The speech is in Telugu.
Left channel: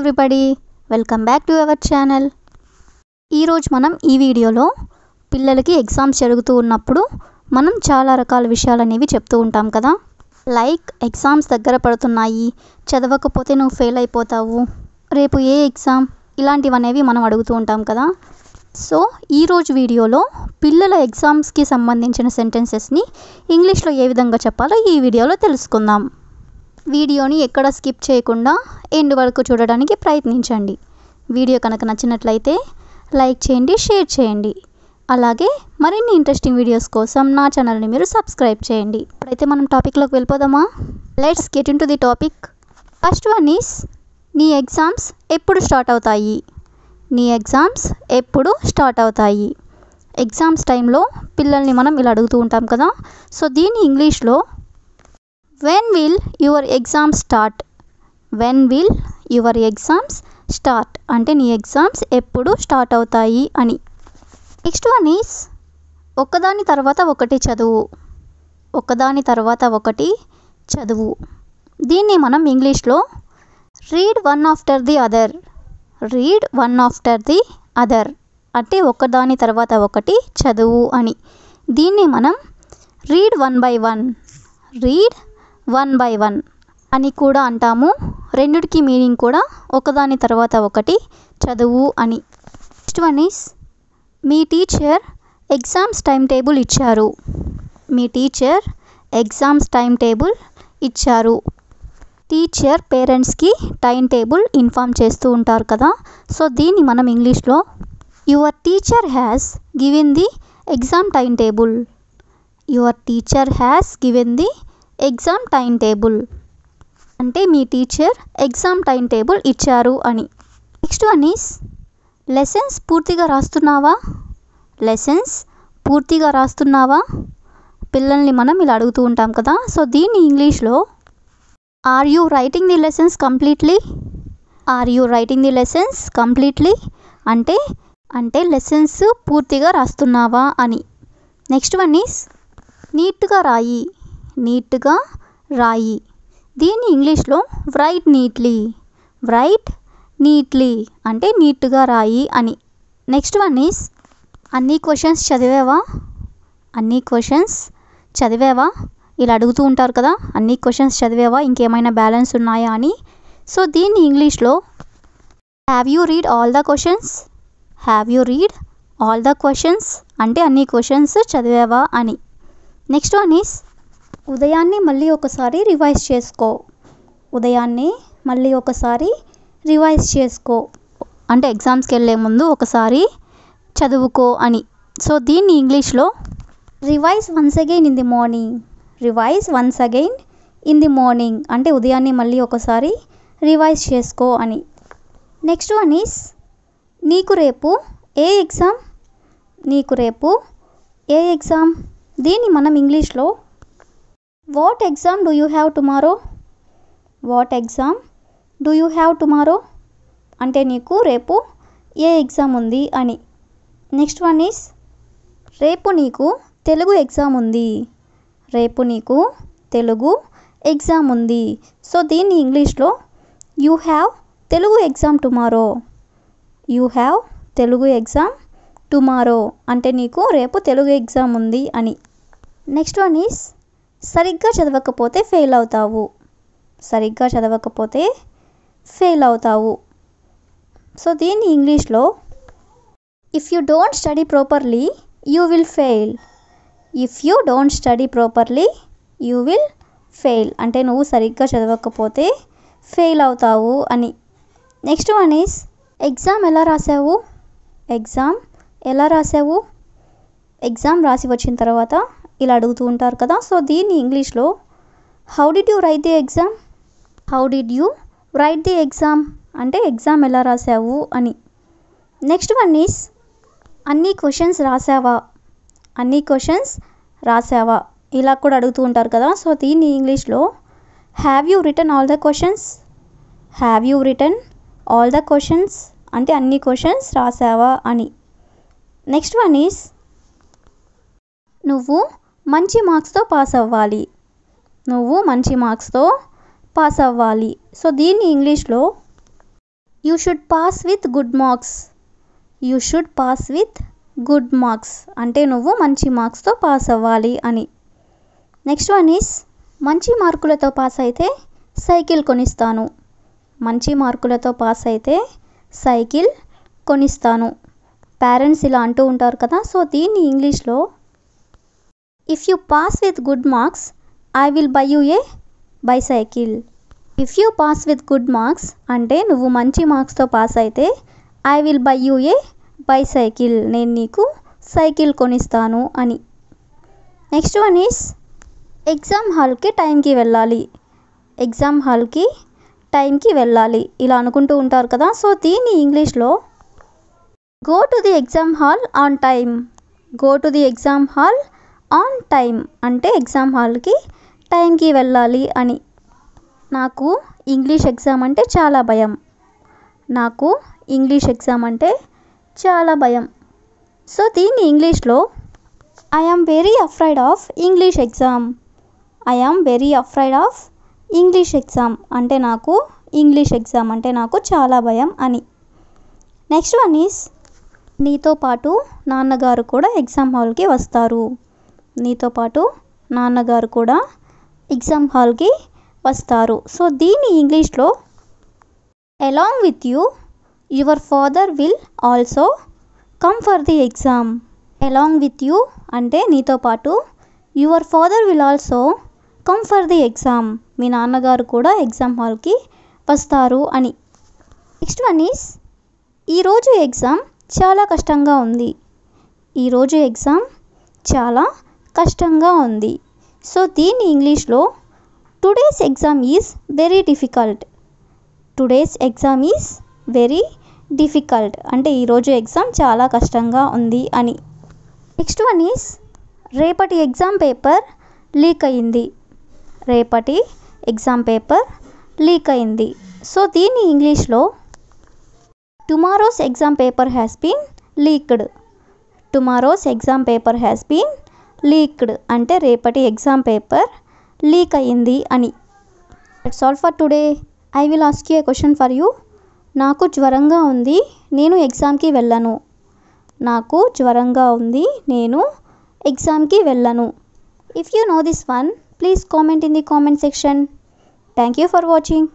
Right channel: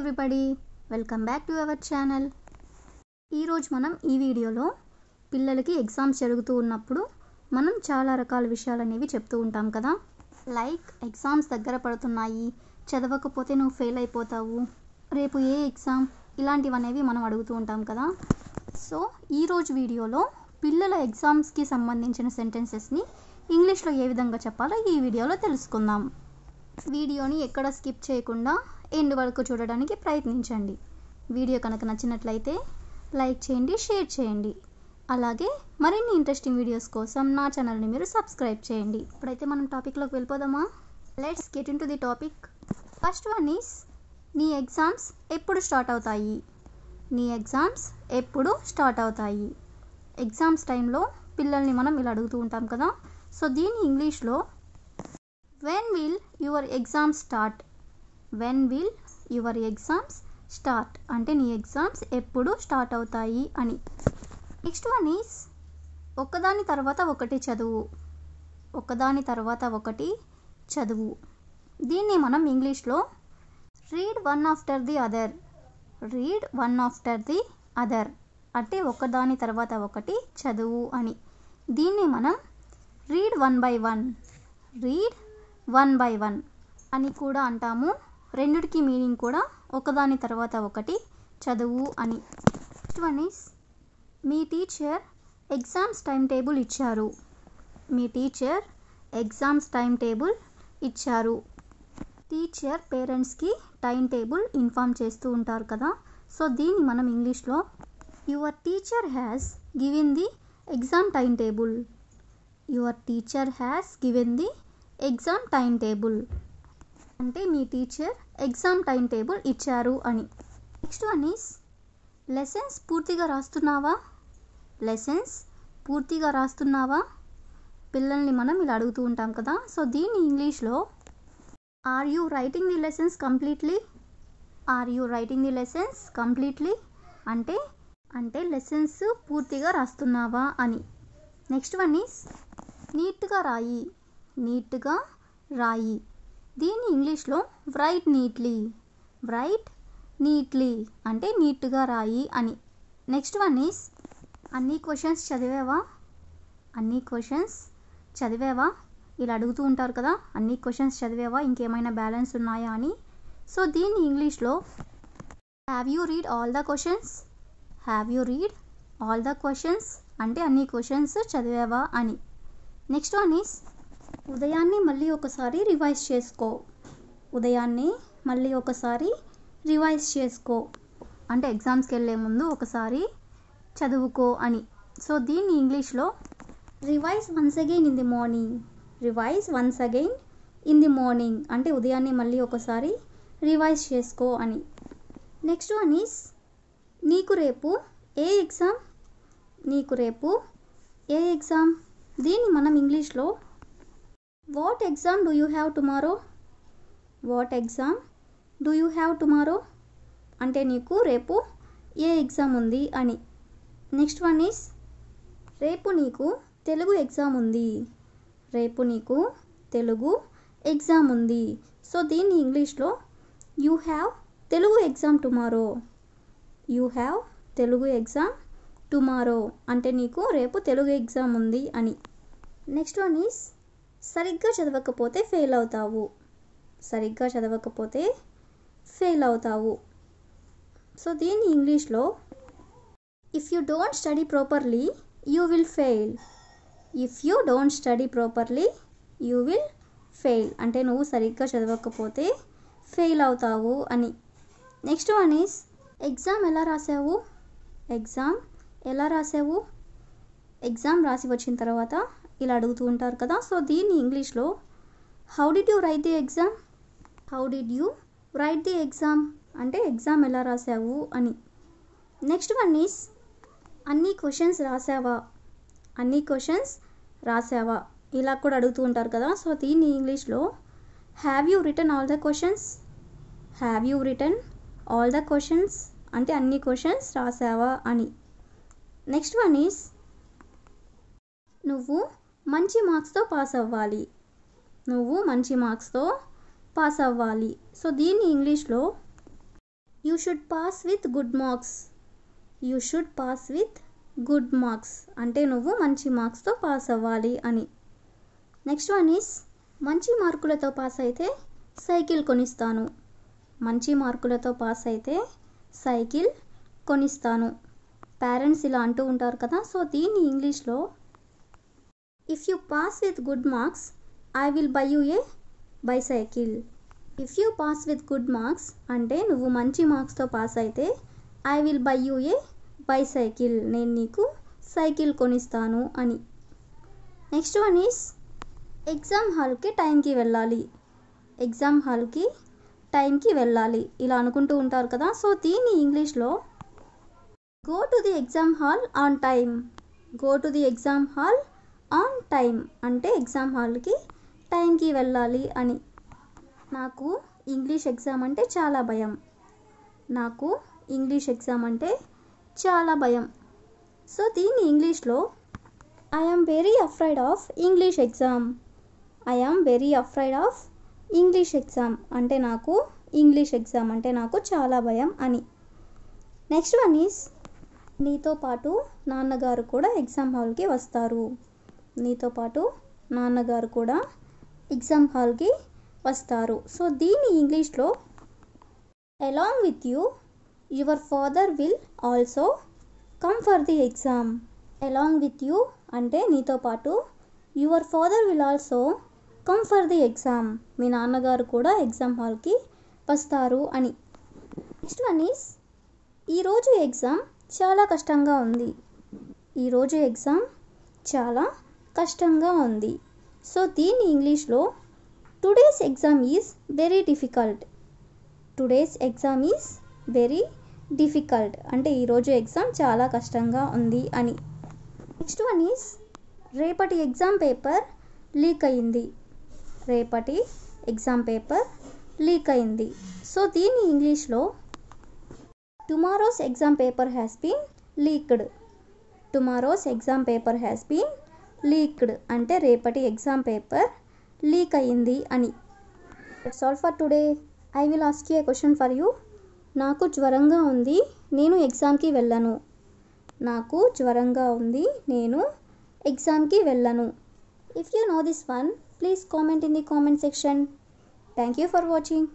Everybody, welcome back to our channel. ఈరోజు మనం ఈ వీడియోలో పిల్లలకి ఎగ్జామ్స్ జరుగుతూ ఉన్నప్పుడు మనం చాలా రకాల విషయాలు అనేవి చెప్తూ ఉంటాం కదా. లైక్ ఎగ్జామ్స్ దగ్గర పడుతున్నాయి, చదవకపోతే నువ్వు ఫెయిల్ అయిపోతావు, రేపు ఏ ఎగ్జామ్, ఇలాంటివనేవి మనం అడుగుతూ ఉంటాం కదా. సో ఈరోజు వీడియోలో పిల్లల ఎగ్జామ్స్కి సంబంధించిన సెంటెన్సెస్ని ఇంగ్లీష్లో ఏ విధంగా చెప్పాలో ఈ వీడియోలో తెలుసుకుందాం. వీడియోని ఎక్కడ స్కిప్ చేయకుండా ఎండ్ వరకు చూడడానికి ప్రయత్నించండి. వీడియో కనుక నచ్చినట్లయితే లైక్ చేయండి, షేర్ చేయండి. అలాగే మరిన్ని ఇంట్రెస్టింగ్ వీడియోస్ కోసం నా ఛానల్ని మీరు సబ్స్క్రైబ్ చేయండి. ఇప్పుడైతే మనం టాపిక్లోకి వెళ్ళిపోదామా. Let's get in to the topic. First one is, నీ ఎగ్జామ్స్ ఎప్పుడు స్టార్ట్ అవుతాయి? నీ ఎగ్జామ్స్ ఎప్పుడు స్టార్ట్ అవుతాయి? ఎగ్జామ్స్ టైంలో పిల్లల్ని మనం ఇలా అడుగుతూ ఉంటాం కదా. సో దీన్ని ఇంగ్లీష్లో when will your exams start? when will your exams start అంటే నీ ఎగ్జామ్స్ ఎప్పుడు స్టార్ట్ అవుతాయి అని. నెక్స్ట్ వన్ ఈస్, ఒకదాని తర్వాత ఒకటి చదువు. ఒకదాని తర్వాత ఒకటి చదువు. దీన్ని మనం ఇంగ్లీష్లో read one after the other. Read one after the other అంటే ఒకదాని తర్వాత ఒకటి చదువు అని. దీన్ని మనం read one by one, read one by one అని కూడా అంటాము. రెండిటికి మీనింగ్ కూడా ఒకదాని తర్వాత ఒకటి చదువు అని. Next one is, me teacher exams time table ఇచ్చారు. మీ టీచర్ ఎగ్జామ్స్ టైం టేబుల్ ఇచ్చారు. టీచర్ పేరెంట్స్కి టైం టేబుల్ ఇన్ఫామ్ చేస్తూ ఉంటారు కదా. సో దీన్ని మనం ఇంగ్లీష్లో your teacher has given the exam time table. Your teacher has given the exam time table అంటే మీ టీచర్ ఎగ్జామ్ టైం టేబుల్ ఇచ్చారు అని. నెక్స్ట్ వన్ ఈస్, లెసన్స్ పూర్తిగా రాస్తున్నావా? లెసన్స్ పూర్తిగా రాస్తున్నావా? పిల్లల్ని మనం ఇలా అడుగుతూ ఉంటాం కదా. సో దీన్ని ఇంగ్లీష్లో are you writing the lessons completely? Are you writing the lessons completely అంటే లెసన్స్ పూర్తిగా రాస్తున్నావా అని. నెక్స్ట్ వన్ ఈస్, నీట్గా రాయి. నీట్గా రాయి. దీన్ని ఇంగ్లీష్లో రైట్ నీట్లీ. రైట్ నీట్లీ అంటే నీట్గా రాయి అని. నెక్స్ట్ వన్ ఈస్, అన్ని క్వశ్చన్స్ చదివావా? అన్ని క్వశ్చన్స్ చదివావా? ఇలా అడుగుతూ ఉంటారు కదా. అన్ని క్వశ్చన్స్ చదివావా, ఇంకేమైనా బ్యాలెన్స్ ఉన్నాయా అని. సో దీన్ని ఇంగ్లీష్లో have you read all the questions. Have you read all the questions అంటే అన్ని క్వశ్చన్స్ చదివావా అని. నెక్స్ట్ వన్ ఈస్, ఉదయాన్నే మళ్ళీ ఒకసారి రివైజ్ చేసుకో. ఉదయాన్నే మళ్ళీ ఒకసారి రివైజ్ చేసుకో అంటే ఎగ్జామ్స్కి వెళ్ళే ముందు ఒకసారి చదువుకో అని. సో దీన్ని ఇంగ్లీష్లో revise once again in the morning. Revise once again in the morning అంటే ఉదయాన్నే మళ్ళీ ఒకసారి రివైజ్ చేసుకో అని. నెక్స్ట్ వన్ ఈస్, నీకు రేపు ఏ ఎగ్జామ్? నీకు రేపు ఏ ఎగ్జామ్? దీన్ని మనం ఇంగ్లీష్లో what exam do you have tomorrow? What exam do you have tomorrow అంటే నీకు రేపు ఏ ఎగ్జామ్ ఉంది అని. నెక్స్ట్ వన్ ఈస్, రేపు నీకు తెలుగు ఎగ్జామ్ ఉంది. రేపు నీకు తెలుగు ఎగ్జామ్ ఉంది. సో దీన్ని ఇంగ్లీష్లో you have Telugu exam tomorrow. You have Telugu exam tomorrow అంటే నీకు రేపు తెలుగు ఎగ్జామ్ ఉంది అని. నెక్స్ట్ వన్ ఈస్, సరిగ్గా చదవకపోతే ఫెయిల్ అవుతావు. సరిగ్గా చదవకపోతే ఫెయిల్ అవుతావు. సో దీన్ని ఇంగ్లీష్లో if you don't study properly you will fail. If you don't study properly you will fail అంటే నువ్వు సరిగ్గా చదవకపోతే ఫెయిల్ అవుతావు అని. నెక్స్ట్ వన్ ఈస్, ఎగ్జామ్ ఎలా రాసావు? ఎగ్జామ్ ఎలా రాసావు? ఎగ్జామ్ రాసి వచ్చిన తర్వాత ఇలా అడుగుతూ ఉంటారు కదా. సో దీన్ని ఇంగ్లీష్లో how did you right the exam? How did you right the exam అంటే ఎగ్జామ్ ఎలా రాసావు అని. నెక్స్ట్ వన్ ఈస్, అన్ని క్వశ్చన్స్ రాసావా? అన్ని క్వశ్చన్స్ రాసావా? ఇలా కూడా అడుగుతూ ఉంటారు కదా. సో దీన్ని ఇంగ్లీష్లో have you written all the questions? Have you written all the questions అంటే అన్ని క్వశ్చన్స్ రాసావా అని. నెక్స్ట్ వన్ ఈస్, నువ్వు మంచి మార్క్స్తో పాస్ అవ్వాలి. నువ్వు మంచి మార్క్స్తో పాస్ అవ్వాలి. సో దీన్ని ఇంగ్లీష్లో you should pass with good marks. You should pass with good marks అంటే నువ్వు మంచి మార్క్స్తో పాస్ అవ్వాలి అని. నెక్స్ట్ వన్ ఈస్ మంచి మార్కులతో పాస్ అయితే సైకిల్ కొనిస్తాను. మంచి మార్కులతో పాస్ అయితే సైకిల్ కొనిస్తాను. పేరెంట్స్ ఇలా అంటూ ఉంటారు కదా, సో దీన్ని ఇంగ్లీష్లో if you pass with good marks I will buy you A bicycle. If you pass with good marks అంటే నువ్వు మంచి మార్క్స్తో పాస్ అయితే I will buy you A bicycle నేను నీకు సైకిల్ కొనిస్తాను అని. నెక్స్ట్ వన్ ఈస్ ఎగ్జామ్ హాల్కి టైంకి వెళ్ళాలి. ఎగ్జామ్ హాల్కి టైంకి వెళ్ళాలి ఇలా అనుకుంటూ ఉంటారు కదా, సో దీన్ని ఇంగ్లీష్లో go to the exam hall on time. Go to the exam hall on time అంటే ఎగ్జామ్ హాల్కి టైంకి వెళ్ళాలి అని. నాకు ఇంగ్లీష్ ఎగ్జామ్ అంటే చాలా భయం. నాకు ఇంగ్లీష్ ఎగ్జామ్ అంటే చాలా భయం. సో దీన్ని ఇంగ్లీష్లో I am very afraid of English exam. I am very afraid of English exam అంటే నాకు ఇంగ్లీష్ ఎగ్జామ్ అంటే నాకు చాలా భయం అని. నెక్స్ట్ వన్ ఈస్ నీతో పాటు నాన్నగారు కూడా ఎగ్జామ్ హాల్కి వస్తారు. నీతో పాటు నాన్నగారు కూడా ఎగ్జామ్ హాల్కి వస్తారు. సో దీన్ని ఇంగ్లీష్లో along with you your father will also come for the exam. Along with you అంటే నీతో పాటు, your father will also come for the exam మీ నాన్నగారు కూడా ఎగ్జామ్ హాల్కి వస్తారు అని. నెక్స్ట్ వన్ ఈస్ ఈరోజు ఎగ్జామ్ చాలా కష్టంగా ఉంది. ఈరోజు ఎగ్జామ్ చాలా కష్టంగా ఉంది. సో దీన్ని ఇంగ్లీష్లో today's exam is very difficult. Today's exam is very difficult అంటే ఈరోజు ఎగ్జామ్ చాలా కష్టంగా ఉంది అని. నెక్స్ట్ వన్ ఈజ్ రేపటి ఎగ్జామ్ పేపర్ లీక్ అయింది. రేపటి ఎగ్జామ్ పేపర్ లీక్ అయింది. సో దీన్ని ఇంగ్లీష్లో tomorrow's exam paper has been leaked. Tomorrow's exam paper has been leaked అంటే రేపటి ఎగ్జామ్ పేపర్ లీక్ అయ్యింది అని. That's all for today. I will ask you a question for you. నాకు జ్వరంగా ఉంది, నేను ఎగ్జామ్కి వెళ్ళను. నాకు జ్వరంగా ఉంది, నేను ఎగ్జామ్కి వెళ్ళను. If you know this one, please comment in the comment section. Thank you for watching.